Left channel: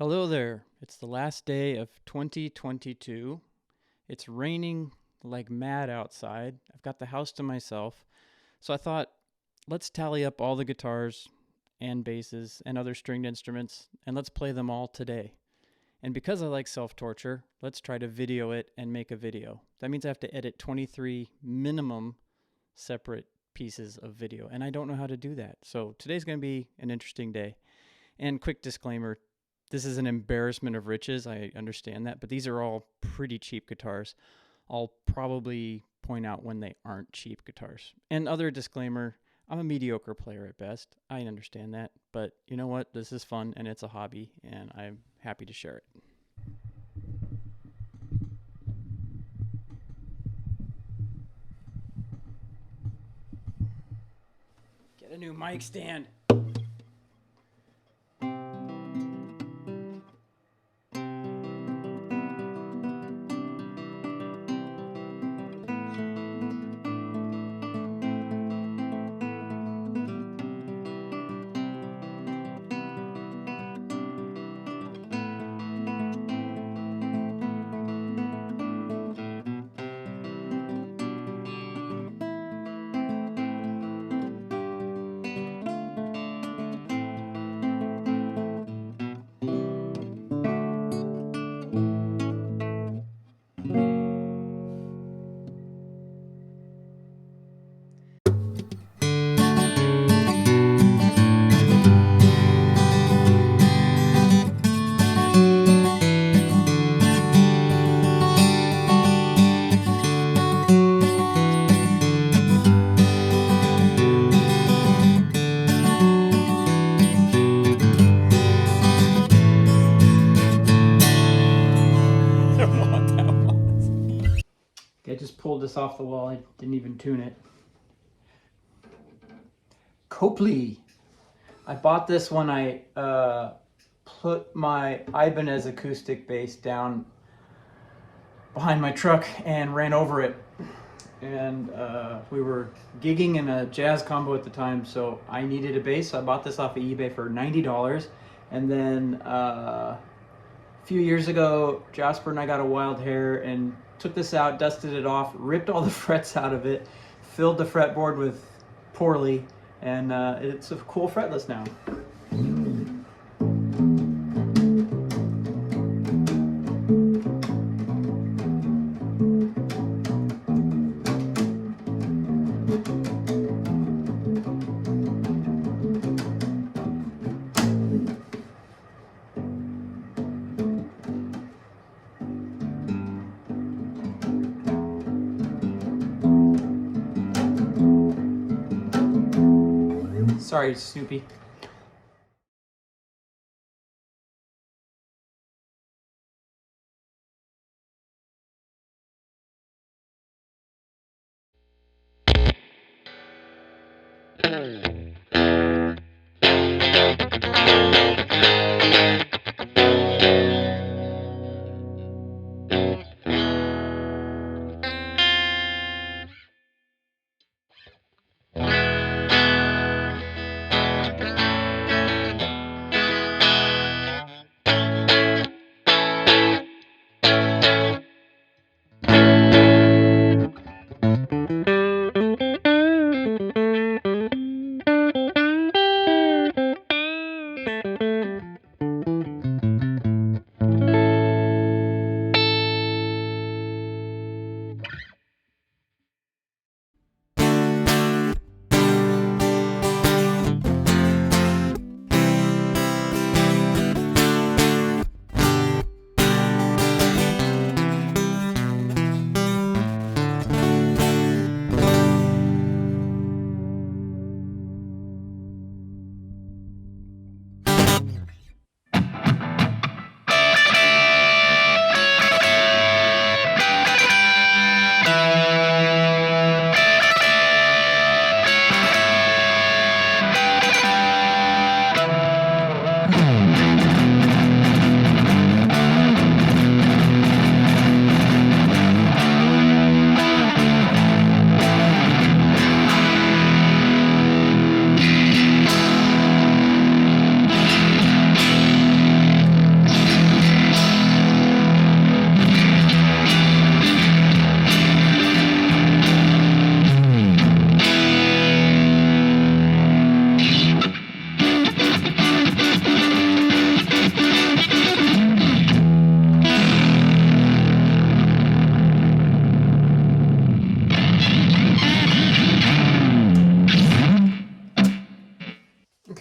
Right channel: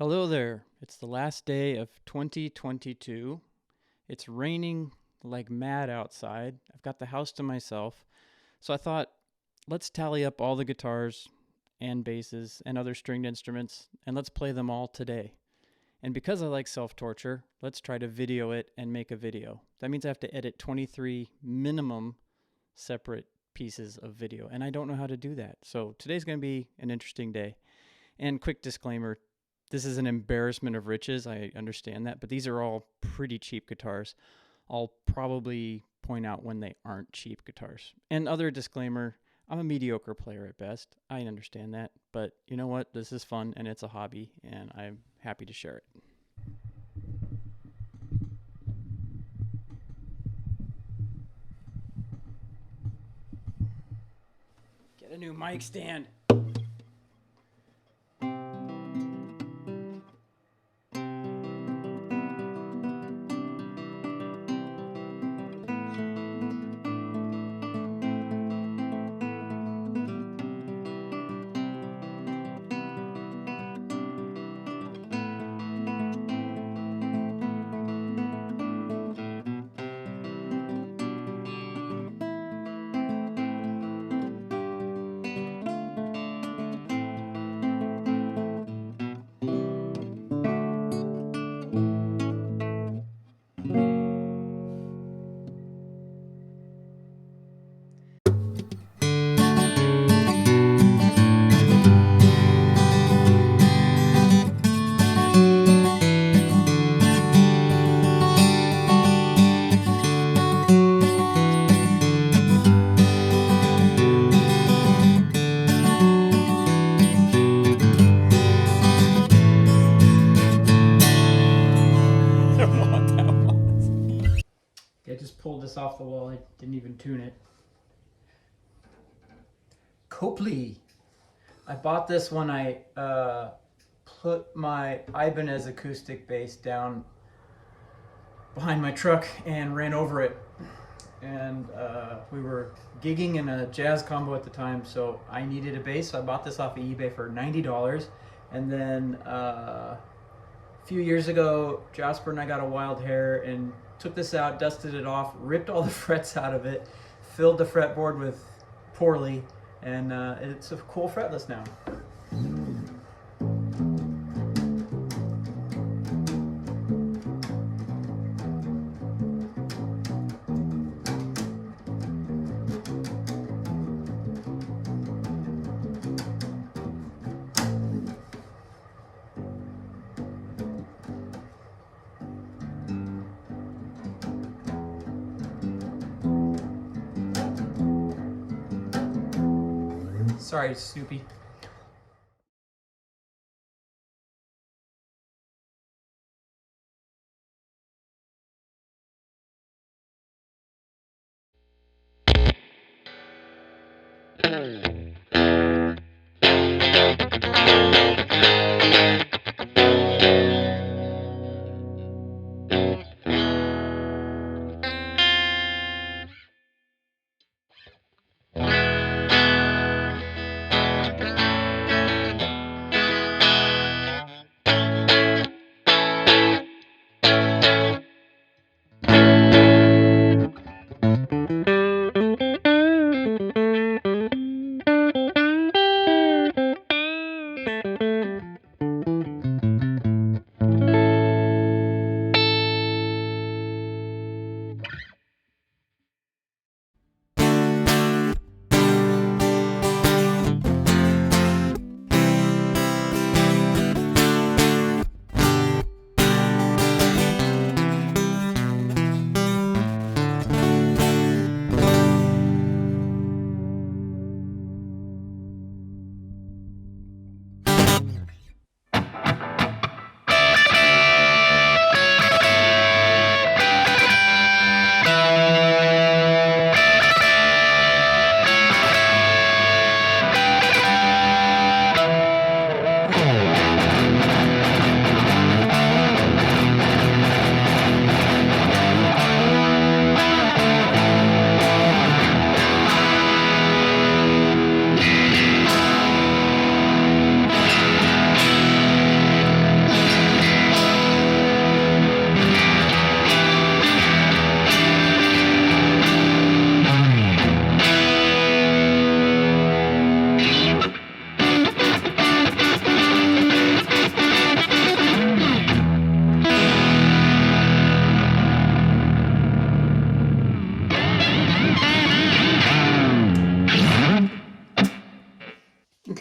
Hello there. It's the last day of 2022. It's raining like mad outside. I've got the house to myself. So I thought, let's tally up all the guitars and basses and other stringed instruments and let's play them all today. And because I like self-torture, let's try to video it and make a video. That means I have to edit 23 minimum separate pieces of video, and I don't know how to do that. So today's going to be an interesting day. And quick disclaimer, this is an embarrassment of riches. I understand that, but these are all pretty cheap guitars. I'll probably point out when they aren't cheap guitars. And other disclaimer, I'm a mediocre player at best. I understand that, but you know what? This is fun and it's a hobby, and I'm happy to share it. Get a new mic stand. I just pulled this off the wall. I didn't even tune it. Copley. I bought this when I put my Ibanez acoustic bass down behind my truck and ran over it. And we were gigging in a jazz combo at the time, so I needed a bass. So I bought this off of eBay for $90. And then a few years ago, Jasper and I got a wild hair and took this out, dusted it off, ripped all the frets out of it, filled the fretboard with poorly, and it's a cool fretless now. Sorry, Snoopy.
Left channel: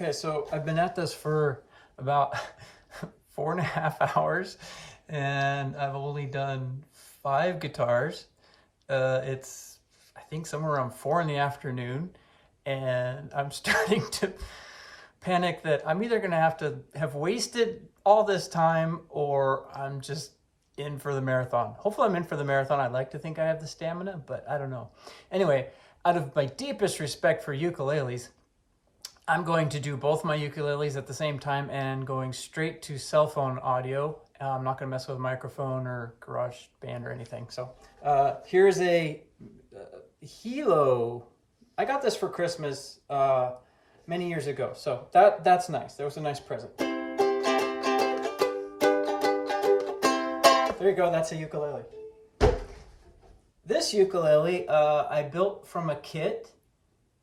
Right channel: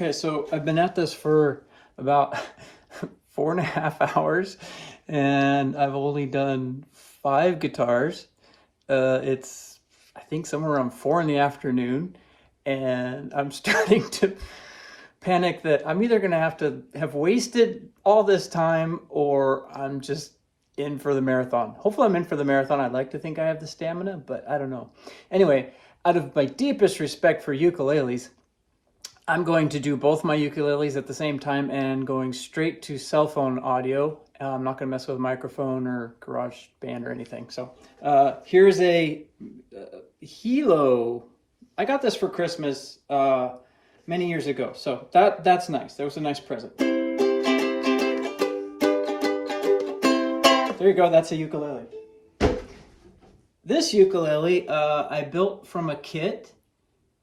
Okay, so I've been at this for about 4.5 hours, and I've only done 5 guitars. It's, I think, somewhere around 4 in the afternoon, and I'm starting to panic that I'm either going to have wasted all this time, or I'm just in for the marathon. Hopefully I'm in for the marathon. I'd like to think I have the stamina, but I don't know. Anyway, out of my deepest respect for ukuleles, I'm going to do both my ukuleles at the same time and going straight to cell phone audio. I'm not going to mess with microphone or garage band or anything. So here's a Hilo. I got this for Christmas many years ago. So that's nice. That was a nice present. There you go. That's a ukulele. This ukulele I built from a kit.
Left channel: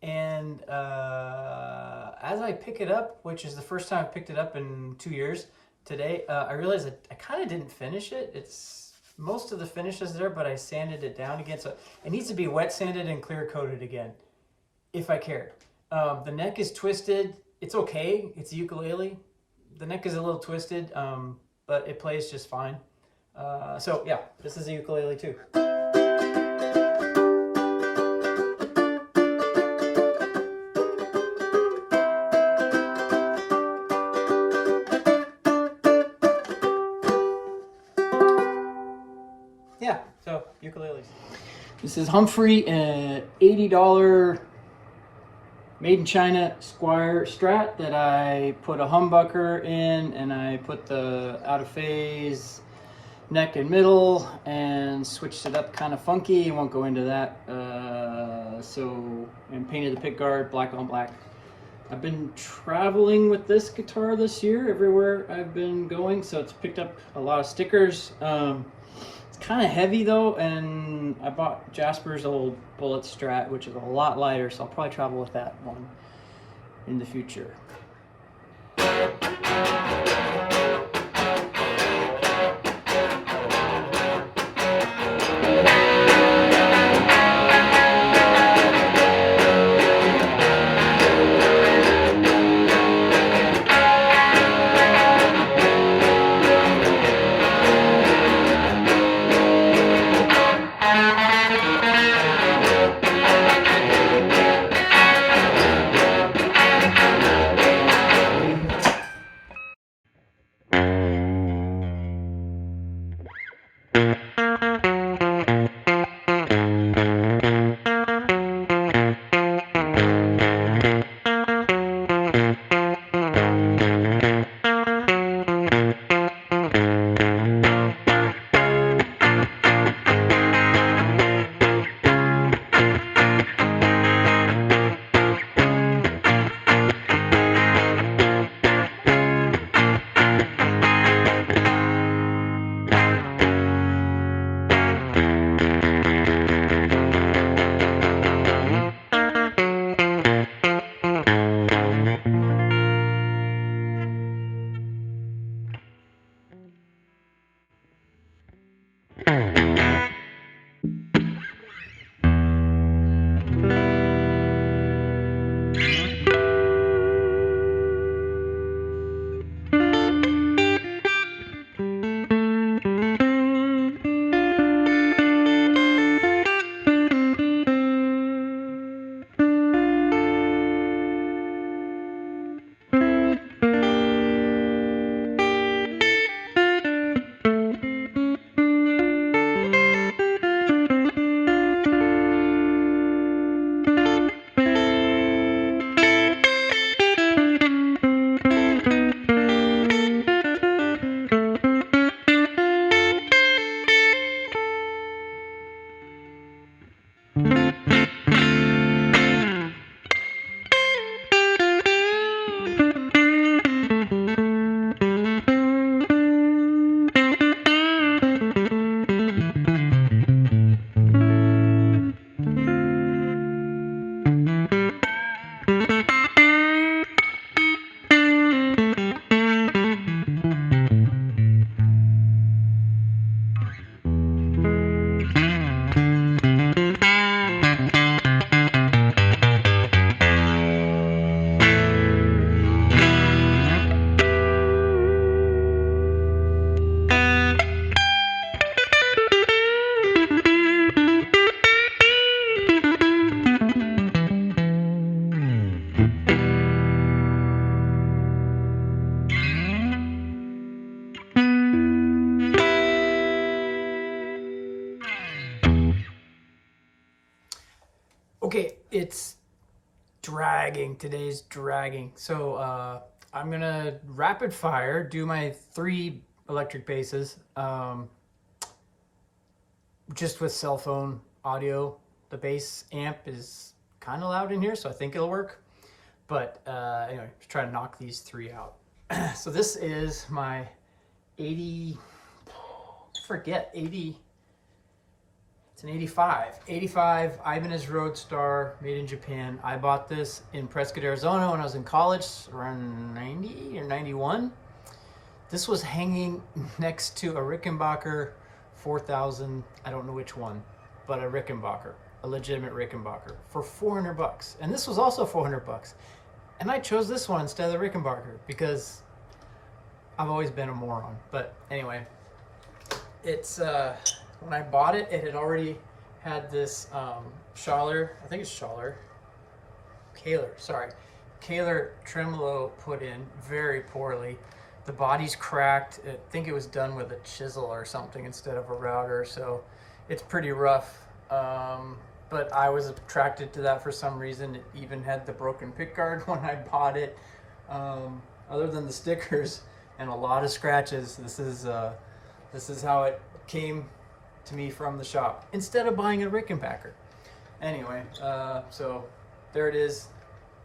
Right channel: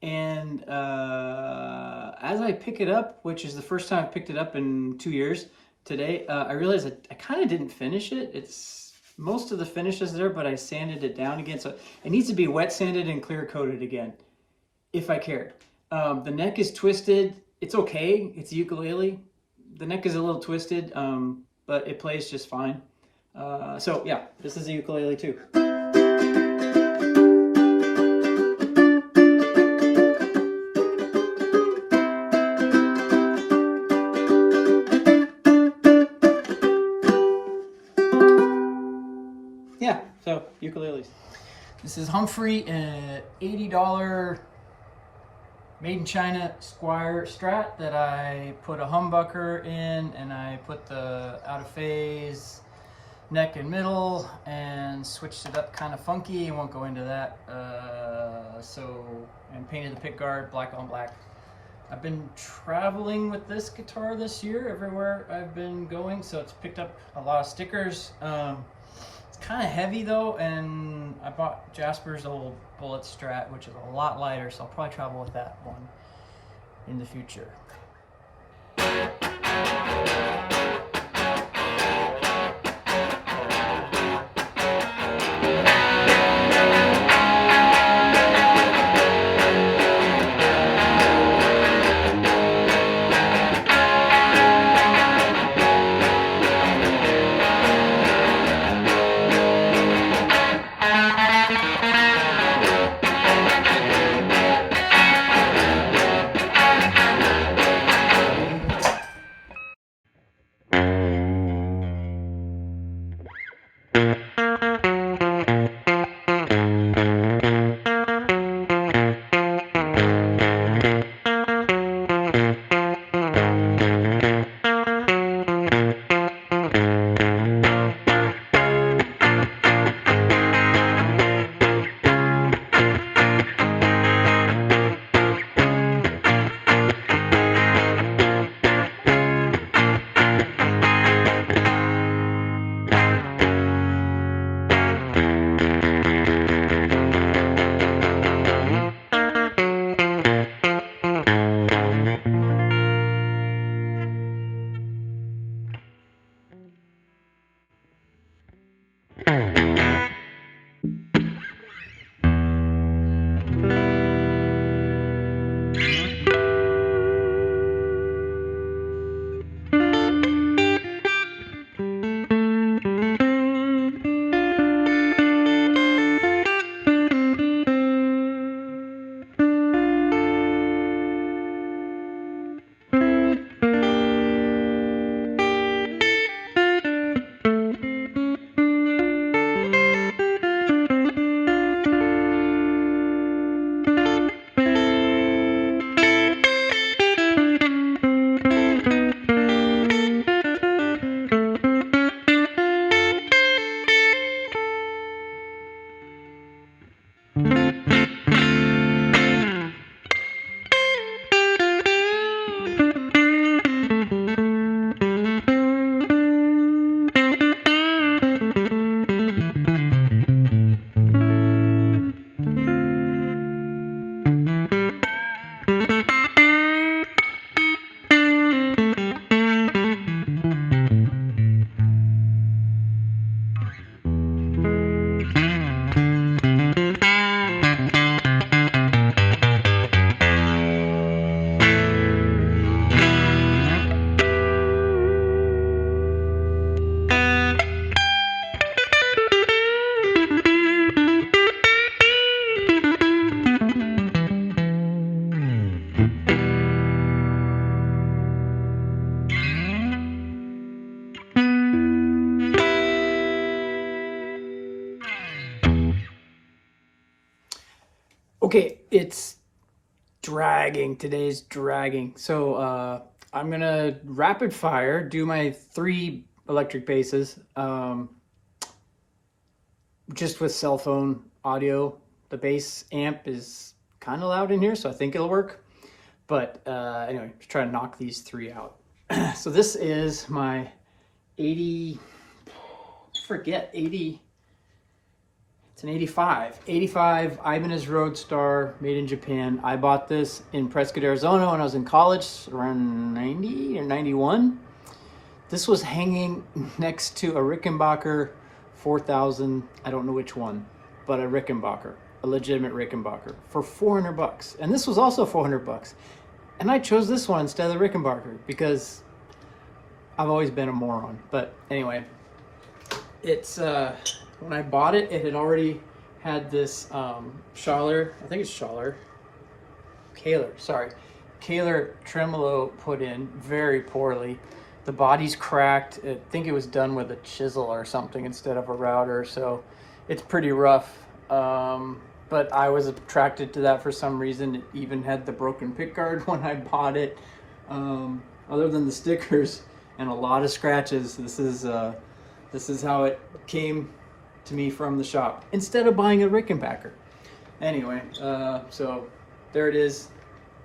And as I pick it up, which is the first time I've picked it up in 2 years today, I realized that I kind of didn't finish it. It's most of the finish is there, but I sanded it down again. So it needs to be wet sanded and clear coated again, if I cared. The neck is twisted. It's okay. It's a ukulele. The neck is a little twisted, but it plays just fine. So yeah, this is a ukulele too. Yeah, so ukuleles. This is Humphrey, $80 made in China Squire Strat that I put a humbucker in, and I put the out of phase neck and middle and switched it up kind of funky. Won't go into that. And painted the pick guard black on black. I've been traveling with this guitar this year everywhere I've been going, so it's picked up a lot of stickers. It's kind of heavy though, and I bought Jasper's old Bullet Strat, which is a lot lighter, so I'll probably travel with that one in the future. Okay, it's dragging. Today's dragging. So I'm gonna rapid fire do my 3 electric basses, just with cell phone audio. The bass amp is kind of loud in here, so I think it'll work. But anyway, just try to knock these 3 out. So this is my 80. Forget 80. It's an 85 Ibanez Roadstar, made in Japan. I bought this in Prescott, Arizona when I was in college, around 90 or 91. This was hanging next to a Rickenbacker 4000, I don't know which one, but a Rickenbacker, a legitimate Rickenbacker, for $400. And this was also $400. And I chose this one instead of the Rickenbacker because I've always been a moron. But anyway, it's when I bought it, it had already had this Schaller, I think it's Schaller, Kahler tremolo put in very poorly. The body's cracked. I think it was done with a chisel or something instead of a router, so it's pretty rough. But I was attracted to that for some reason. It even had the broken pickguard when I bought it. Other than the stickers and a lot of scratches, this is how it came to me from the shop instead of buying a Rickenbacker. Anyway, so there it is.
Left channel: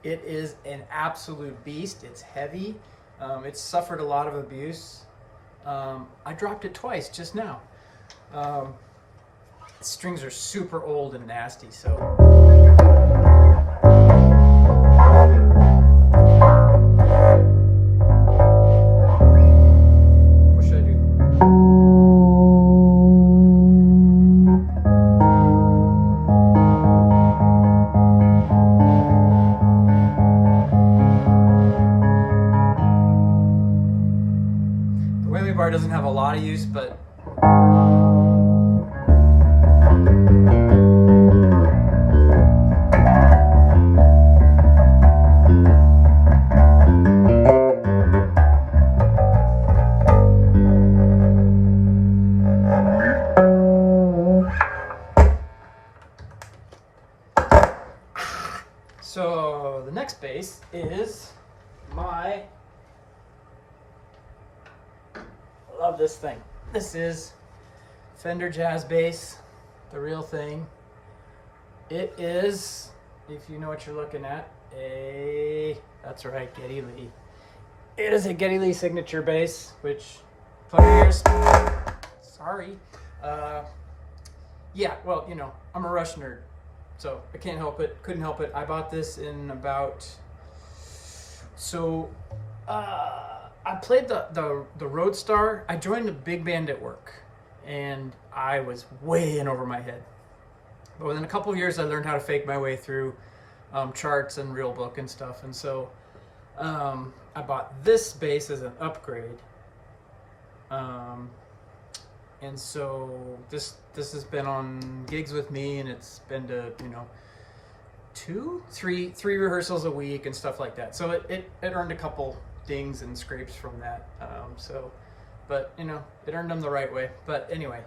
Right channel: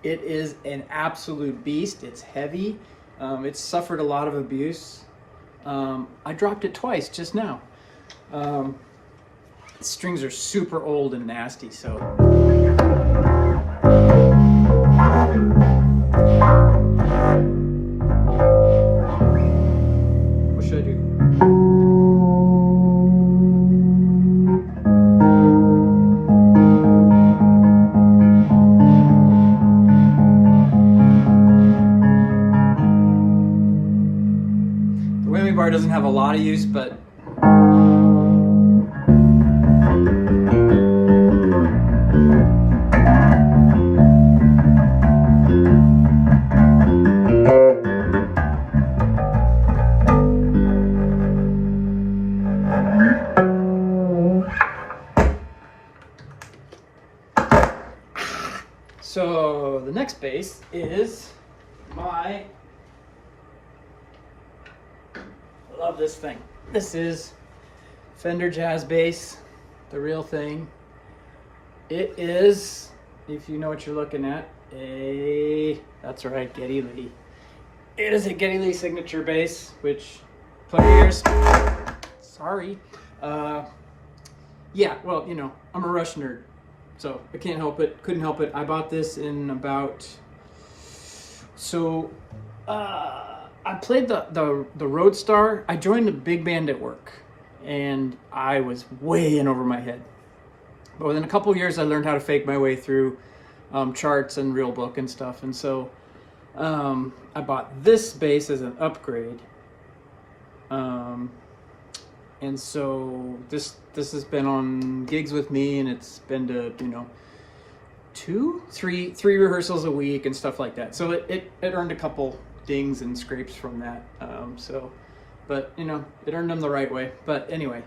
It is an absolute beast. It's heavy. It's suffered a lot of abuse. I dropped it twice just now. The strings are super old and nasty, so. What should I do? The whammy bar doesn't have a lot of use, but so the next bass is I love this thing. This is Fender Jazz Bass, the real thing. It is, if you know what you're looking at, that's right, Geddy Lee. It is a Geddy Lee signature bass, which, put in your ears, sorry. Yeah, well, you know, I'm a Rush nerd, so I can't help it, couldn't help it. I bought this in about, I played the Roadstar. I joined a big band at work, and I was way in over my head. But within a couple of years, I learned how to fake my way through charts and real book and stuff. And so I bought this bass as an upgrade. And so this has been on gigs with me, and it's been to, you know, three rehearsals a week and stuff like that. So it earned a couple dings and scrapes from that. But you know, it earned them the right way. But anyway,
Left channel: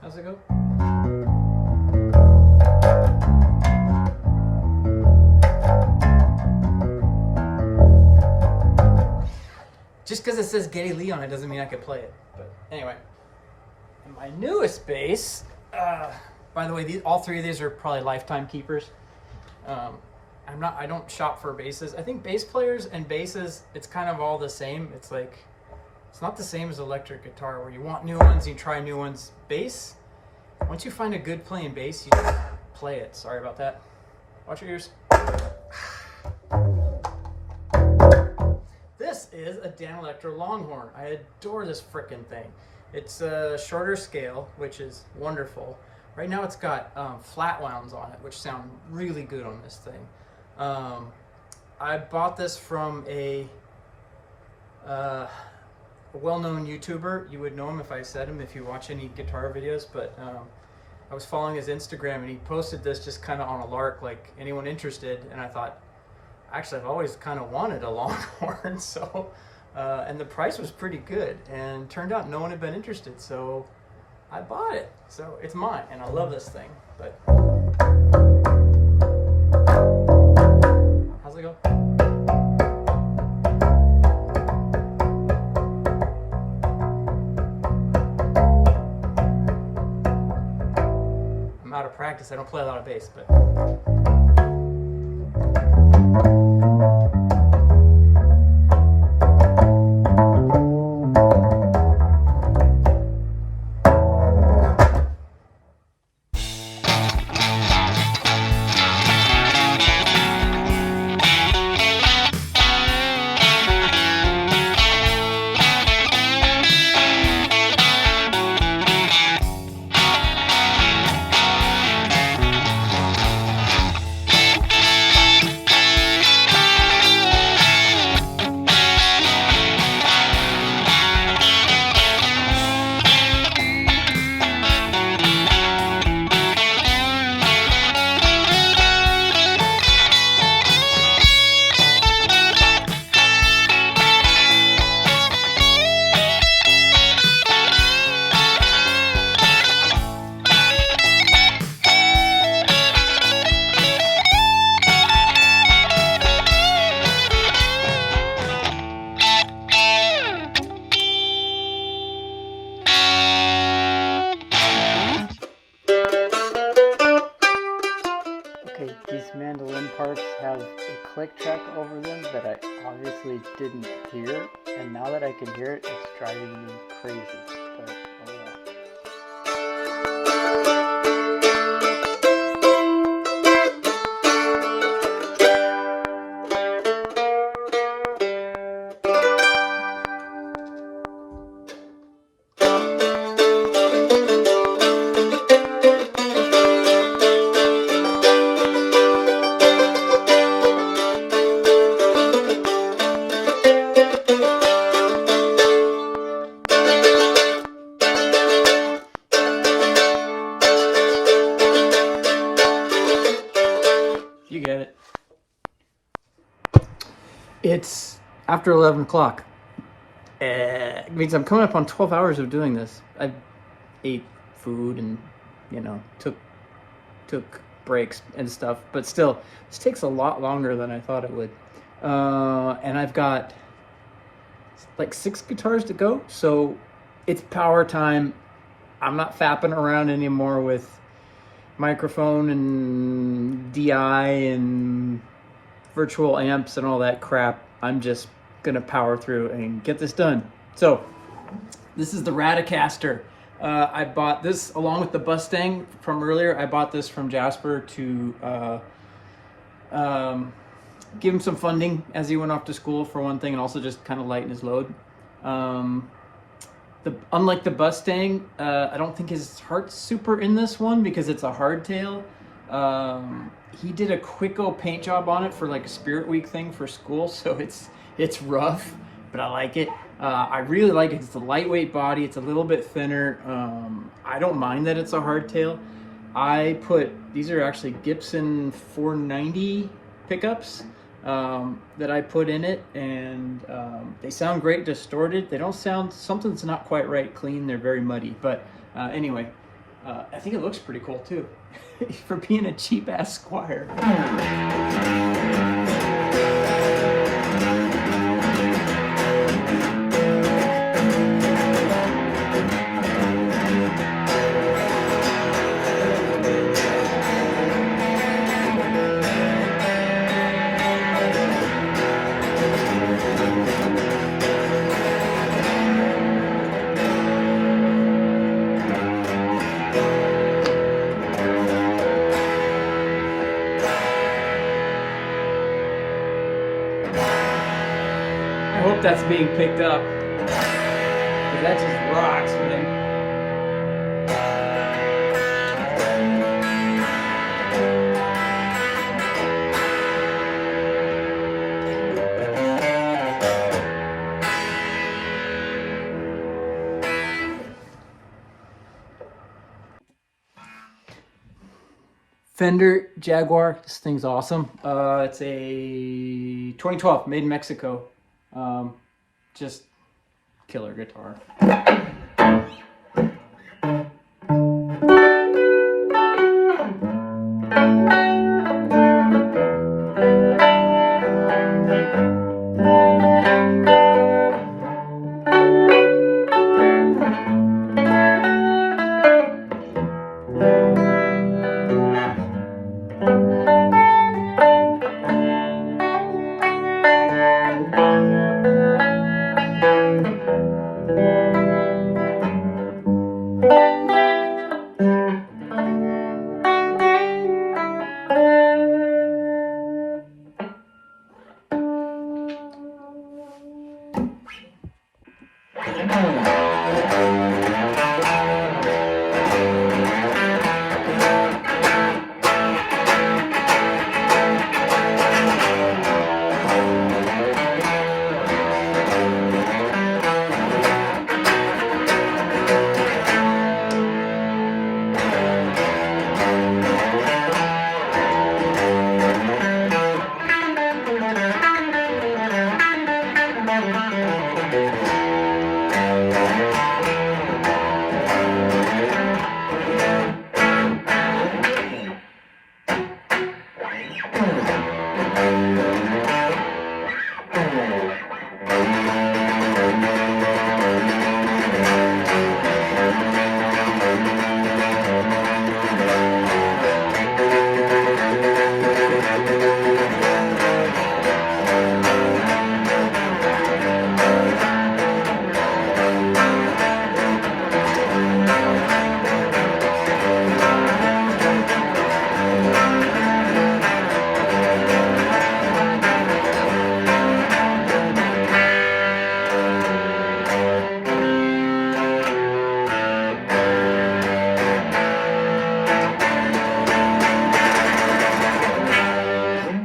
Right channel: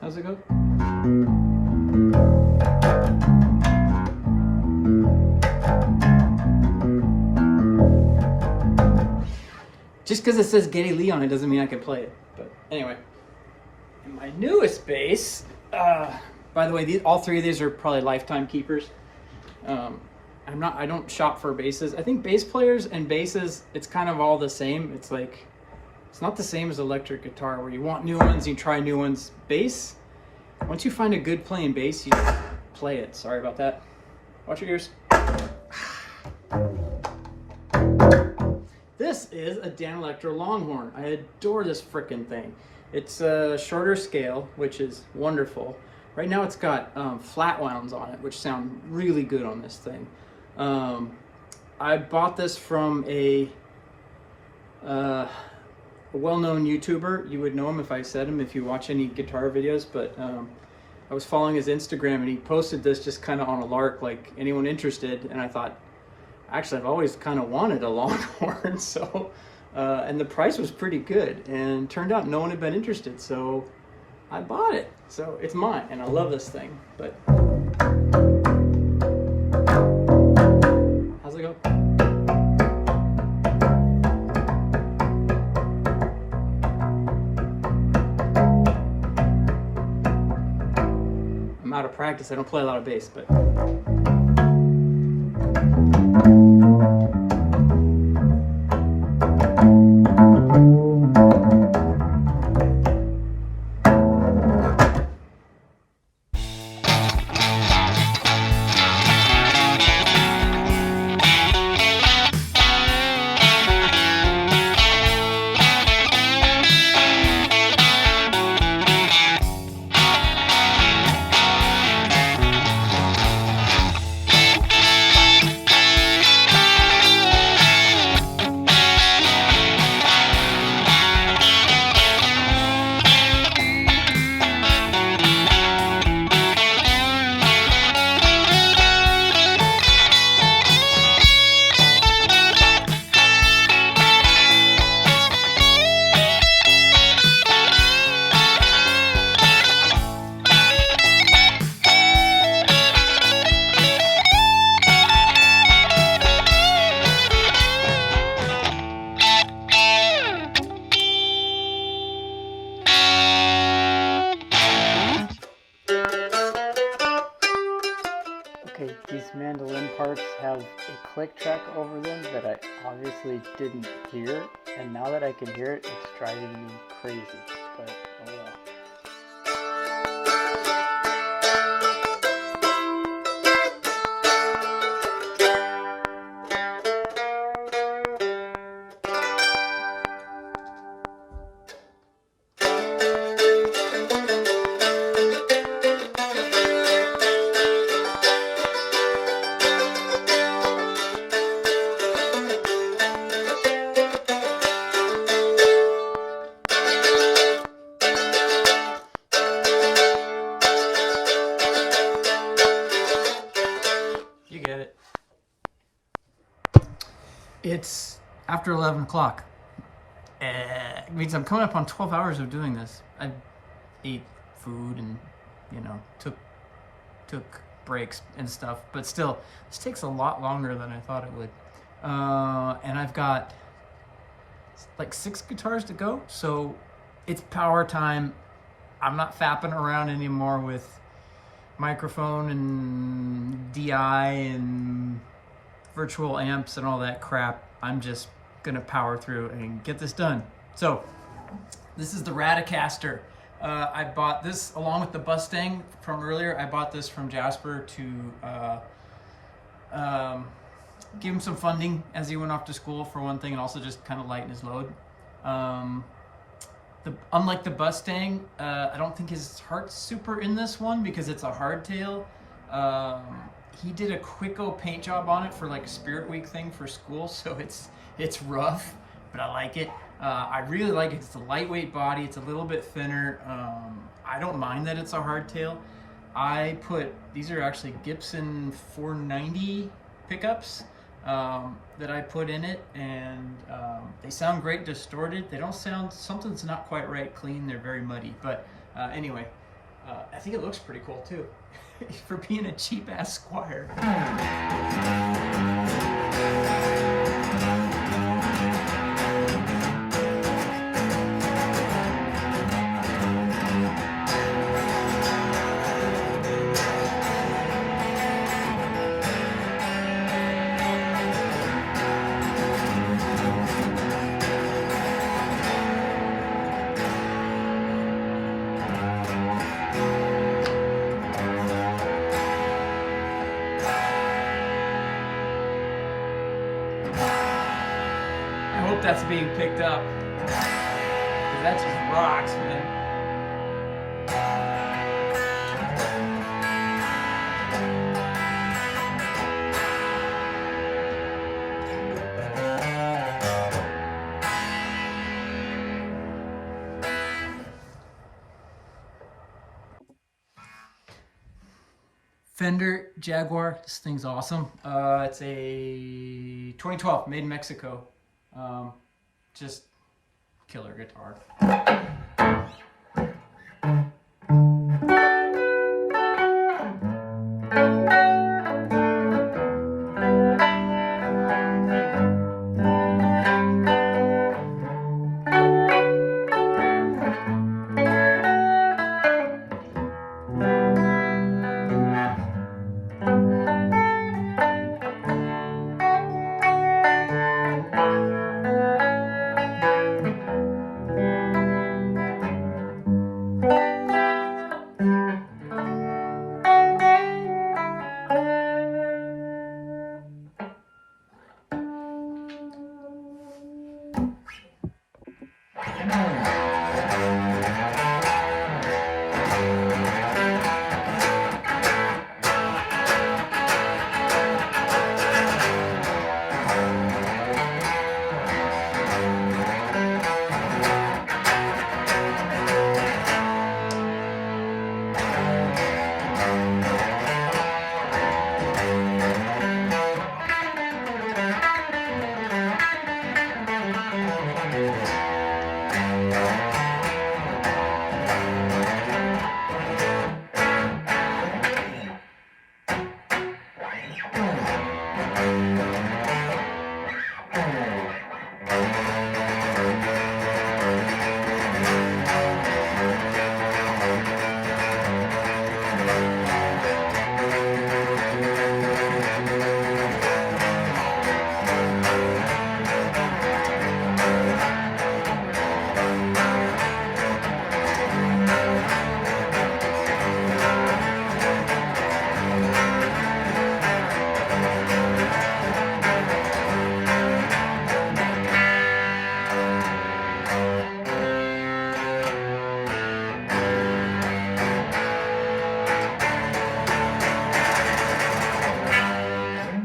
how's it go? Just because it says Geddy Lee on it doesn't mean I can play it. But anyway, and my newest bass, by the way, all 3 of these are probably lifetime keepers. I don't shop for basses. I think bass players and basses, it's kind of all the same. It's like, it's not the same as electric guitar where you want new ones, you try new ones. Bass, once you find a good playing bass, you play it. Sorry about that. Watch your ears. This is a Dan Electro Longhorn. I adore this frickin' thing. It's a shorter scale, which is wonderful. Right now it's got flat wounds on it, which sound really good on this thing. I bought this from a well-known YouTuber. You would know him if I said him, if you watch any guitar videos, but I was following his Instagram and he posted this just kind of on a lark, like anyone interested. And I thought, actually, I've always kind of wanted a Longhorn. So, and the price was pretty good. And turned out no one had been interested. So I bought it. So it's mine. And I love this thing. But how's it go? I'm out of practice. I don't play a lot of bass, but. Okay, these mandolin parts have a click track over them that I obviously didn't hear, and now that I can hear it, it's driving me crazy, but oh well. You get it. It's after 11 o'clock. It means I'm coming up on 12 hours of doing this. I ate food and, took breaks and stuff, but still, this takes a lot longer than I thought it would. And I've got like 6 guitars to go, so it's power time. I'm not fapping around anymore with microphone and DI and virtual amps and all that crap. I'm just gonna power through and get this done. So this is the Radicaster. I bought this along with the Mustang from earlier. I bought this from Jasper to give him some funding as he went off to school for one thing, and also just kind of lighten his load. Unlike the Mustang, I don't think his heart's super in this one because it's a hardtail. He did a Quicko paint job on it for like a Spirit Week thing for school, so it's rough, but I like it. I really like it. It's a lightweight body. It's a little bit thinner. I don't mind that it's a hardtail. These are actually Gibson 490 pickups that I put in it, and they sound great distorted. They don't sound, something's not quite right clean. They're very muddy, but anyway, I think it looks pretty cool too for being a cheap ass Squire. I hope that's being picked up, because that just rocks, man. Fender Jaguar. This thing's awesome. It's a 2012, made in Mexico. Just killer guitar.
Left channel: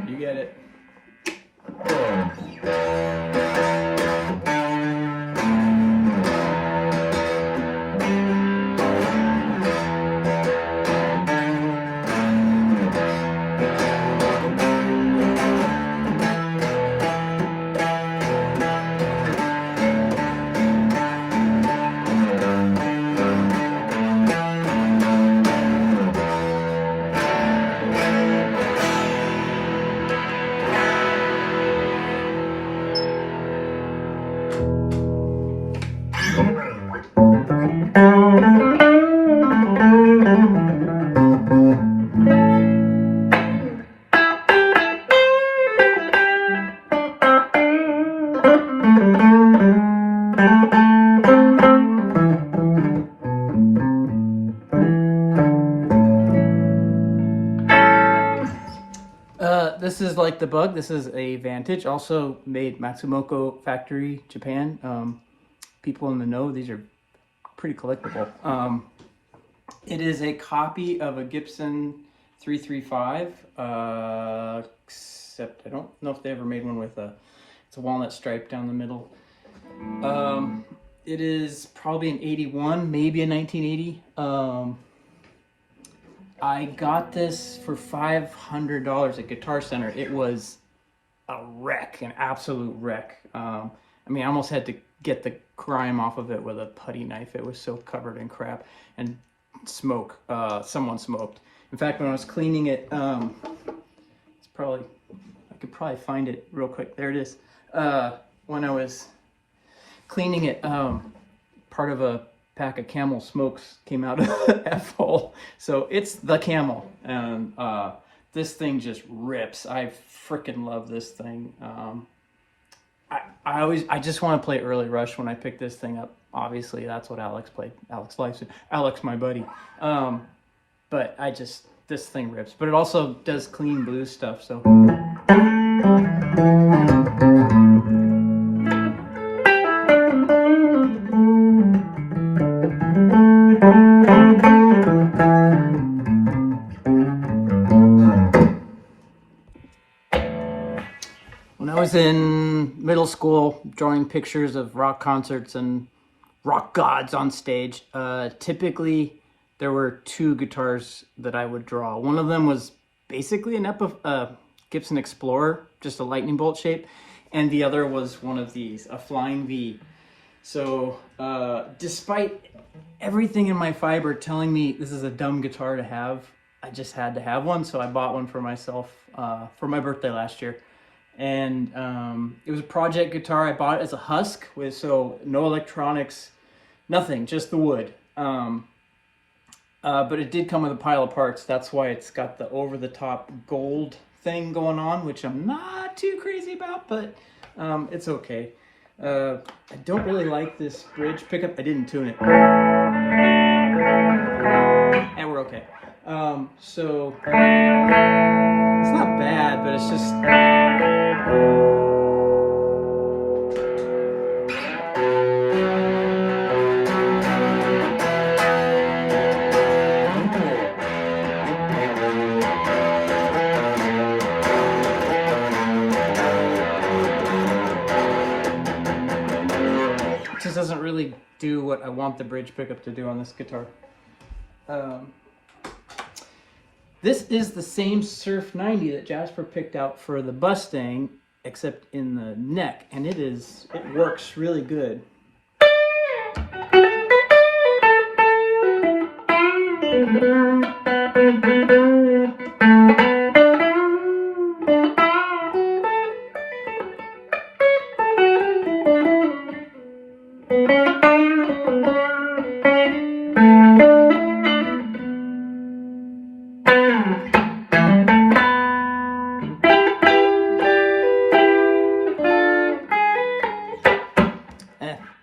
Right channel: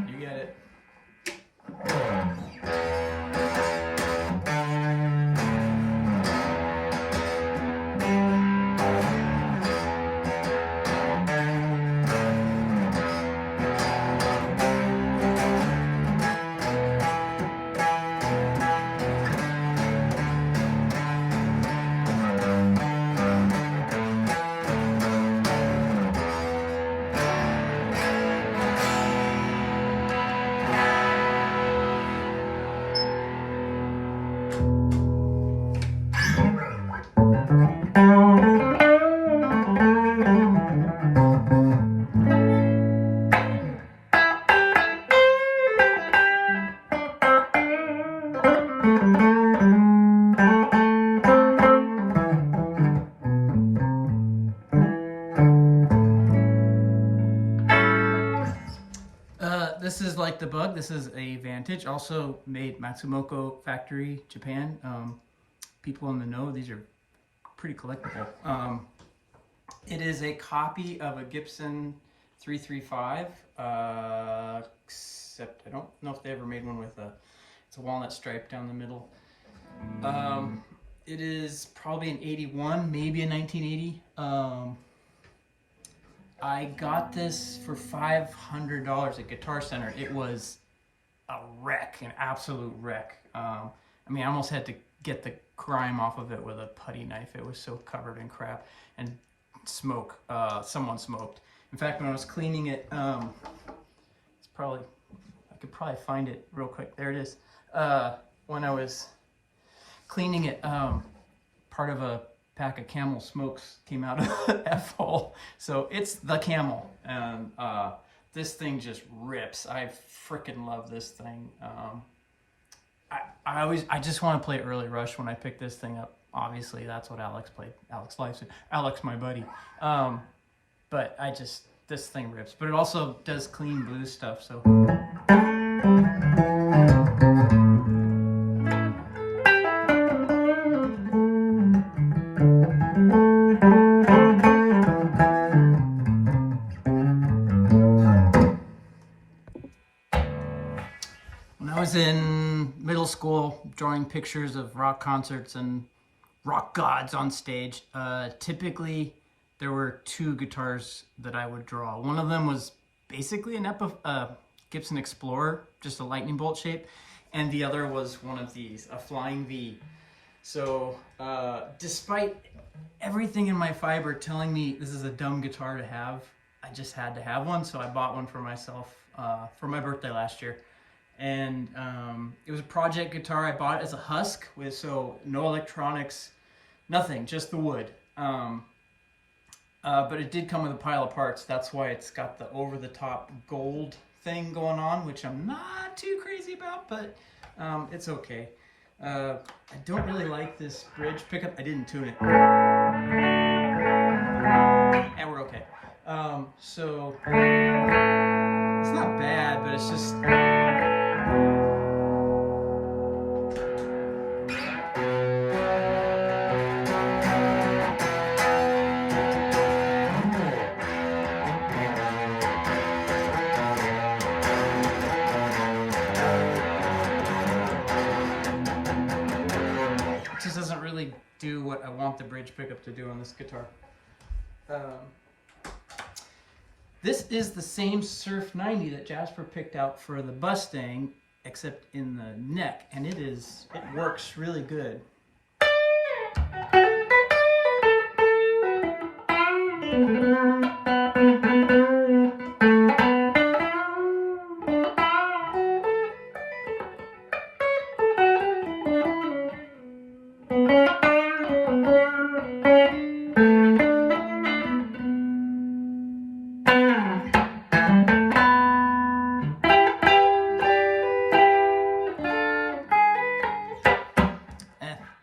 You get it. This is like the Bug. This is a Vantage, also made Matsumoto Factory, Japan. People in the know, these are pretty collectible. It is a copy of a Gibson 335, except I don't know if they ever made one with it's a walnut stripe down the middle. It is probably an 81, maybe a 1980. I got this for $500 at Guitar Center. It was a wreck, an absolute wreck. I mean, I almost had to get the grime off of it with a putty knife. It was so covered in crap and smoke. Someone smoked. In fact, when I was cleaning it, it's probably, I could probably find it real quick. There it is. When I was cleaning it, part of a pack of Camel smokes came out of the F-hole. So it's the Camel, and this thing just rips. I freaking love this thing. I just want to play Early Rush when I pick this thing up. Obviously, that's what Alex played. Alex, my buddy. But this thing rips. But it also does clean blues stuff, so. When I was in middle school, drawing pictures of rock concerts and rock gods on stage, typically there were two guitars that I would draw. One of them was basically an Gibson Explorer, just a lightning bolt shape, and the other was one of these, a Flying V. So despite everything in my fiber telling me this is a dumb guitar to have, I just had to have one, so I bought one for myself for my birthday last year. And it was a project guitar. I bought it as a husk, with so no electronics, nothing, just the wood. But it did come with a pile of parts. That's why it's got the over-the-top gold thing going on, which I'm not too crazy about, but it's okay. I don't really like this bridge pickup. I didn't tune it. And we're okay. So it's not bad, but it's just... just doesn't really do what I want the bridge pickup to do on this guitar. This is the same Surf 90 that Jasper picked out for the Mustang, except in the neck, and it works really good.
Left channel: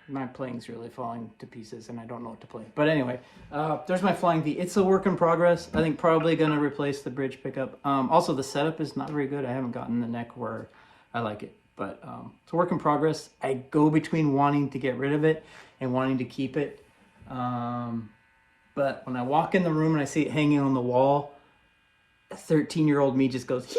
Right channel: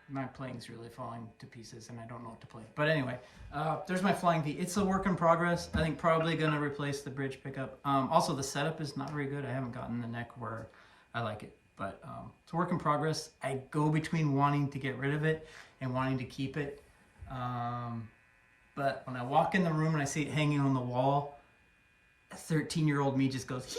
My playing's really falling to pieces and I don't know what to play. But anyway, there's my Flying V. It's a work in progress. I think probably gonna replace the bridge pickup. Also, the setup is not very good. I haven't gotten the neck where I like it, but it's a work in progress. I go between wanting to get rid of it and wanting to keep it. But when I walk in the room and I see it hanging on the wall, a 13-year-old me just goes, hee!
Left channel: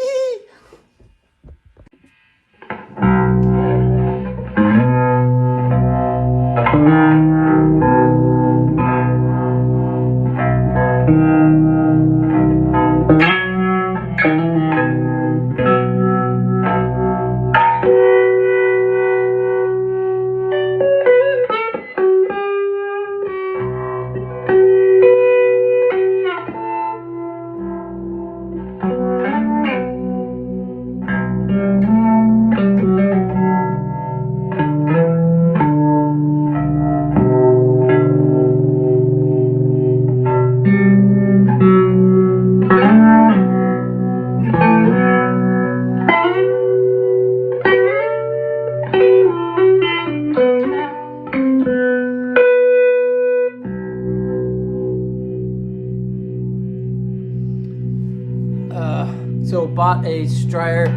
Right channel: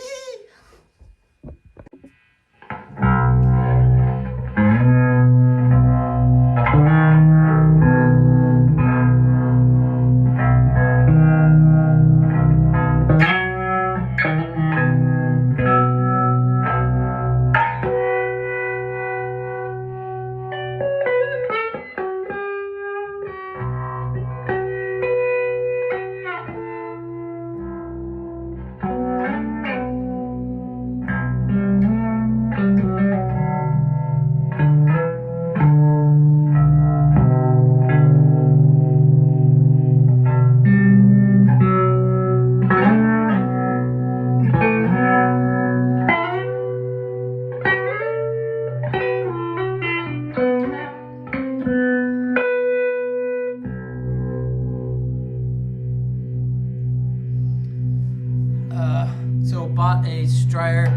So bought a Squire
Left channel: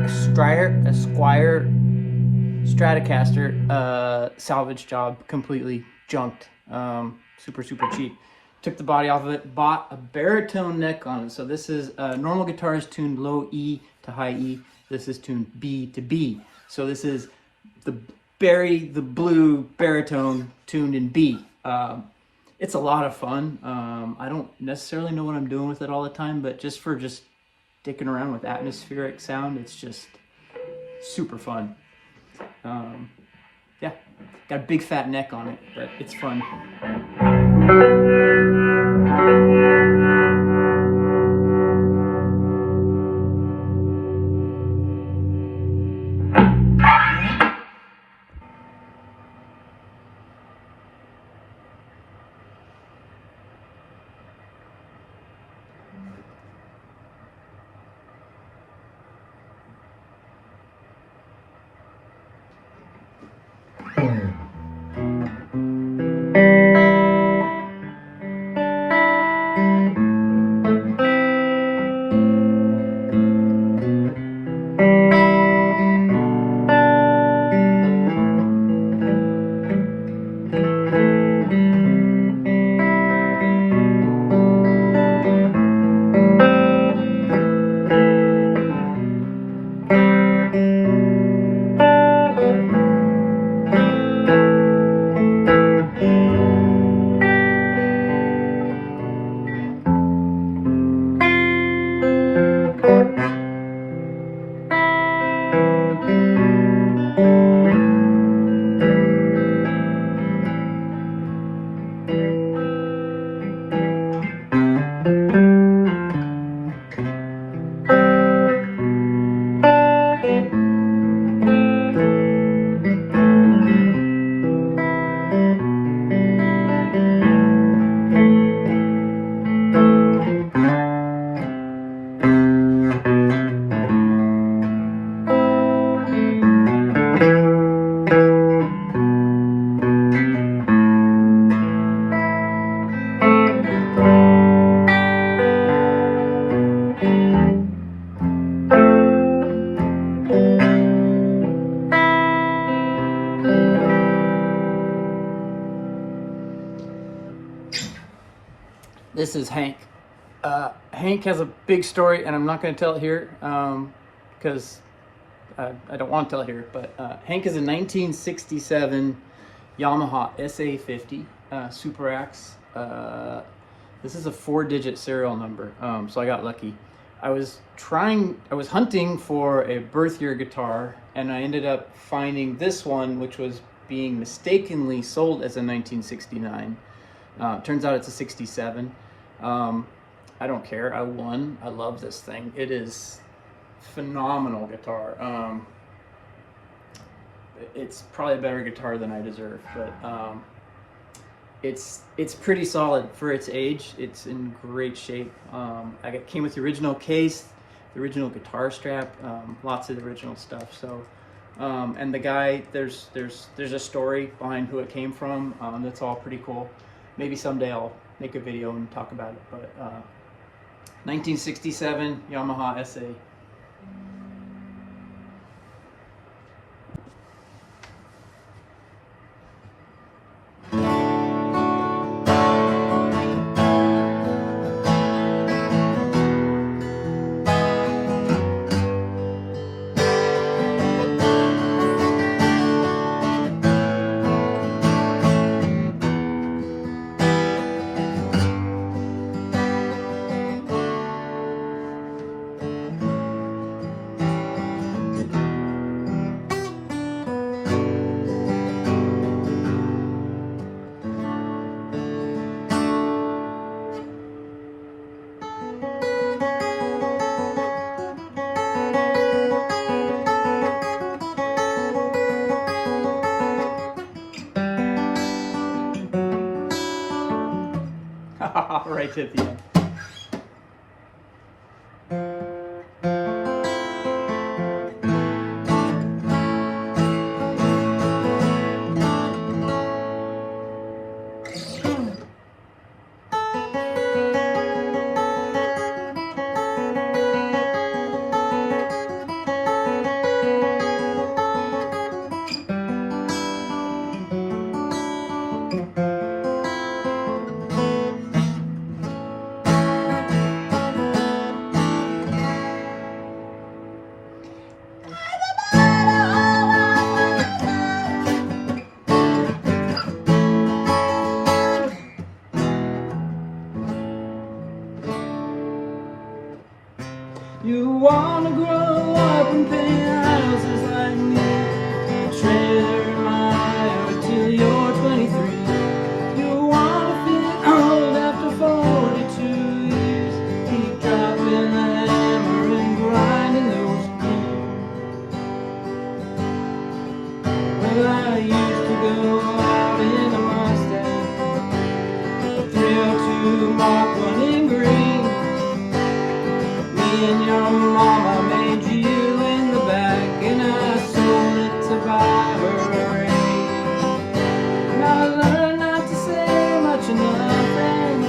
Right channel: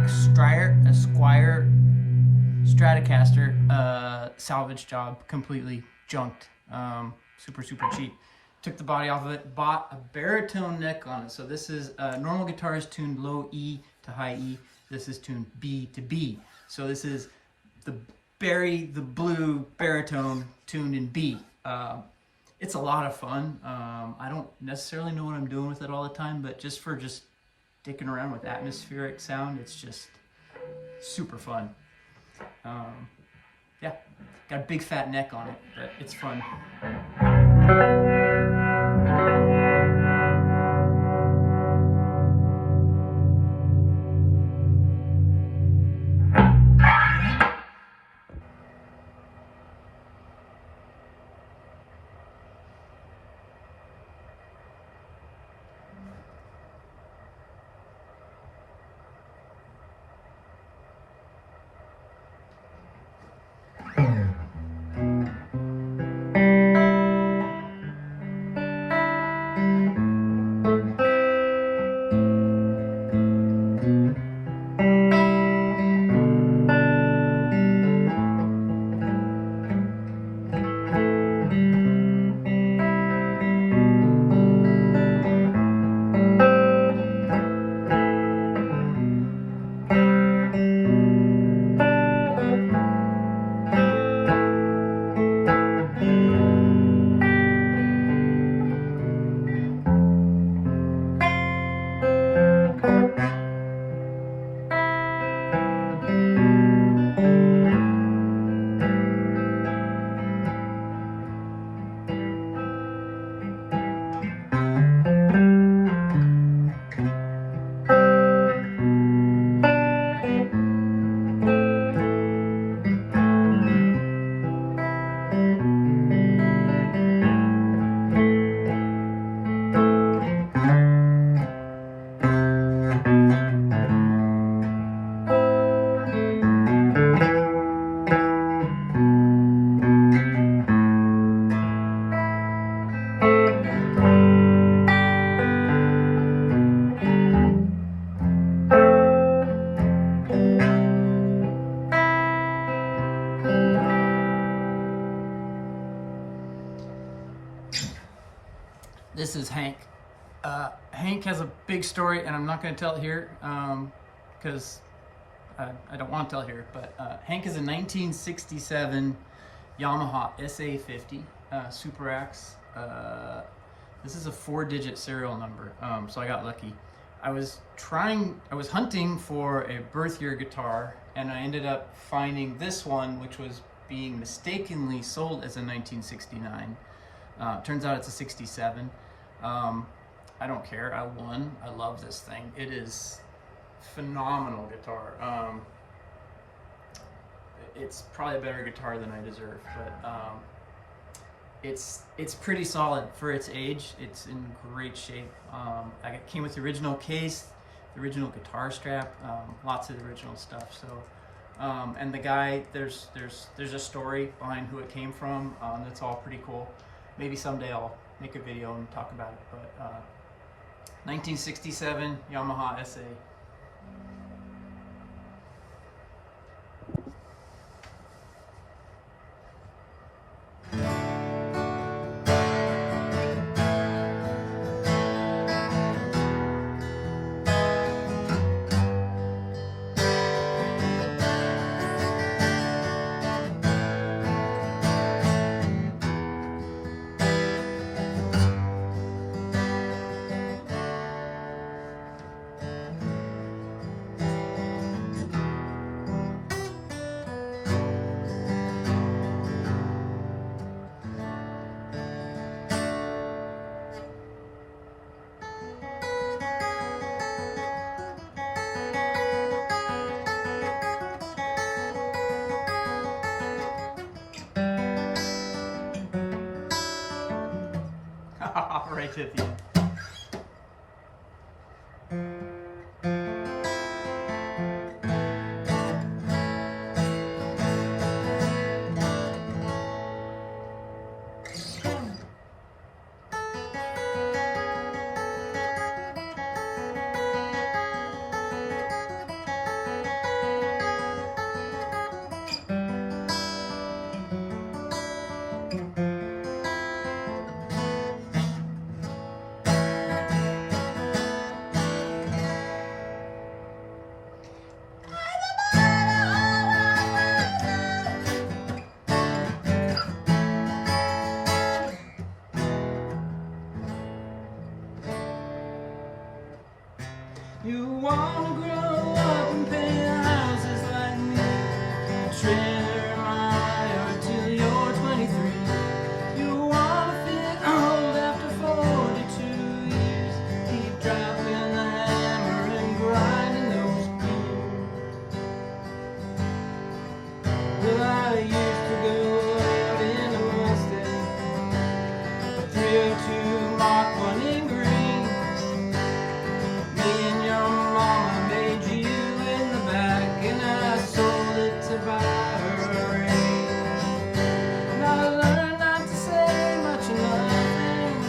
Stratocaster salvage job, completely junked, super cheap. Took the body off of it, bought a baritone neck on it. So this is normal guitar is tuned low E to high E. This is tuned B to B. So this is the blue baritone tuned in B. It's a lot of fun. I don't necessarily know what I'm doing with it all the time, but just dicking around with atmospheric sound, it's just super fun. Yeah, got a big fat neck on it, but it's fun. This is Hank. Hank has a big story, and I'm not going to tell it here because I don't want to tell it here. But Hank is a 1967 Yamaha SA50 Super Axe. This is a 4-digit serial number, so I got lucky. I was hunting for a birth year guitar, and I ended up finding this one, which was being mistakenly sold as a 1969. Turns out it's a 67. I don't care. I won. I love this thing. It is phenomenal guitar. It's probably a better guitar than I deserve, but it's pretty solid for its age. It's in great shape. Came with the original case, the original guitar strap, lots of the original stuff. So, and the guy, there's a story behind who it came from. That's all pretty cool. Maybe someday I'll make a video and talk about it. But 1967 Yamaha SA. Right at the end. You wanna grow up and paint houses like me, a trailer in my yard till you're 23. You wanna feel old after 42 years, keep dropping the hammer and grinding those gears. Well, I used to go out in a Mustang, a 302 Mark 1 in green. Me and your mama made you in the back, and I sold it to buy her a ring. Now I learned not to say much of nothing,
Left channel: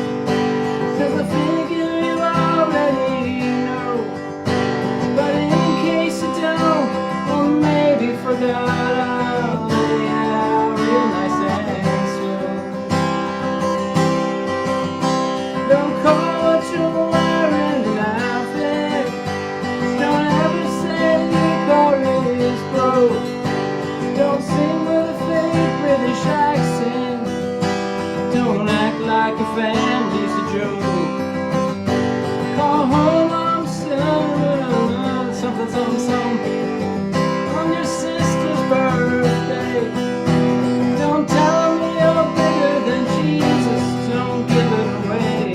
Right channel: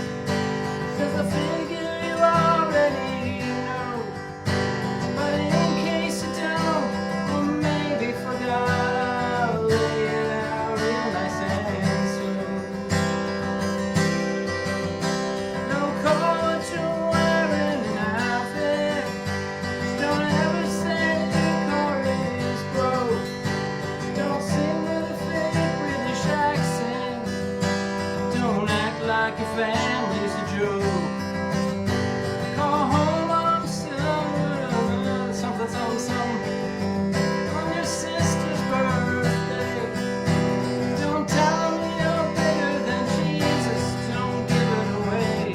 'cause I figure you already know. But in case you don't, or maybe forgot, I'll lay it out real nice and slow. Don't call what you're wearing an outfit. Don't ever say your car is broke. Don't sing with a fake British accent. Don't act like your family's a joke. Call home on something, on your sister's birthday. Don't tell me you're bigger than Jesus. Don't give it away.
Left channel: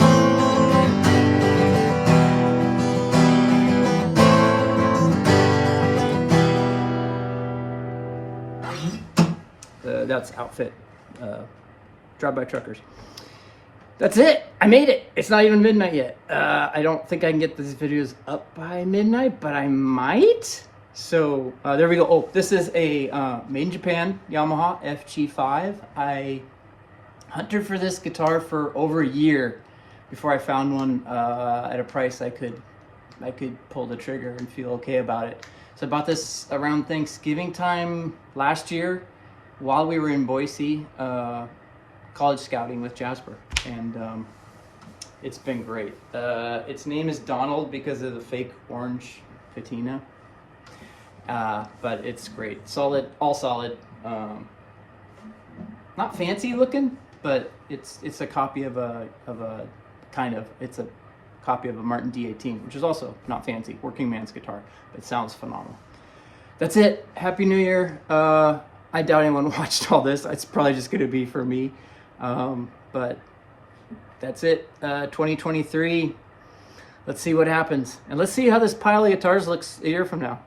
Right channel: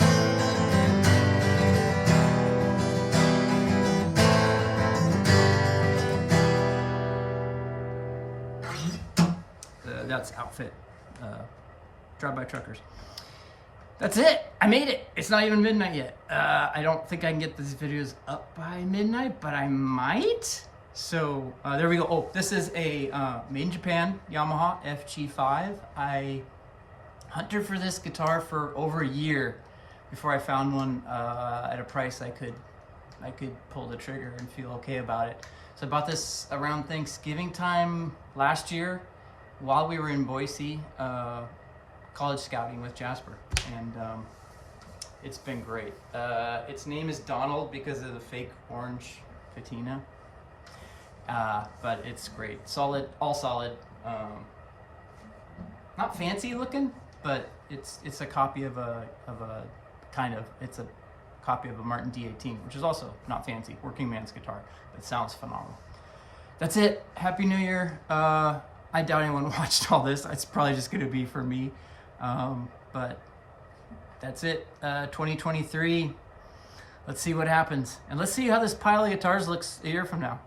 That's Outfit, Drive-By Truckers. That's it. I made it. It's not even midnight yet. I don't think I can get these videos up by midnight, but I might. So there we go. Oh, this is a made in Japan Yamaha FG5. I hunted for this guitar for over a year before I found one at a price I could pull the trigger and feel okay about it. So I bought this around Thanksgiving time last year, while we were in Boise, college scouting with Jasper, and It's been great. Its name is Donald because of the fake orange patina. But it's great. Solid, all solid. Not fancy looking, but it's a copy of a it's a copy of a Martin D18, which is also not fancy, working man's guitar, but sounds phenomenal. That's it. Happy New Year. I doubt anyone watched all this. It's probably just gonna be for me. But that's it. 2023. Let's see what happens, and let's see how this pile of guitars looks a year from now.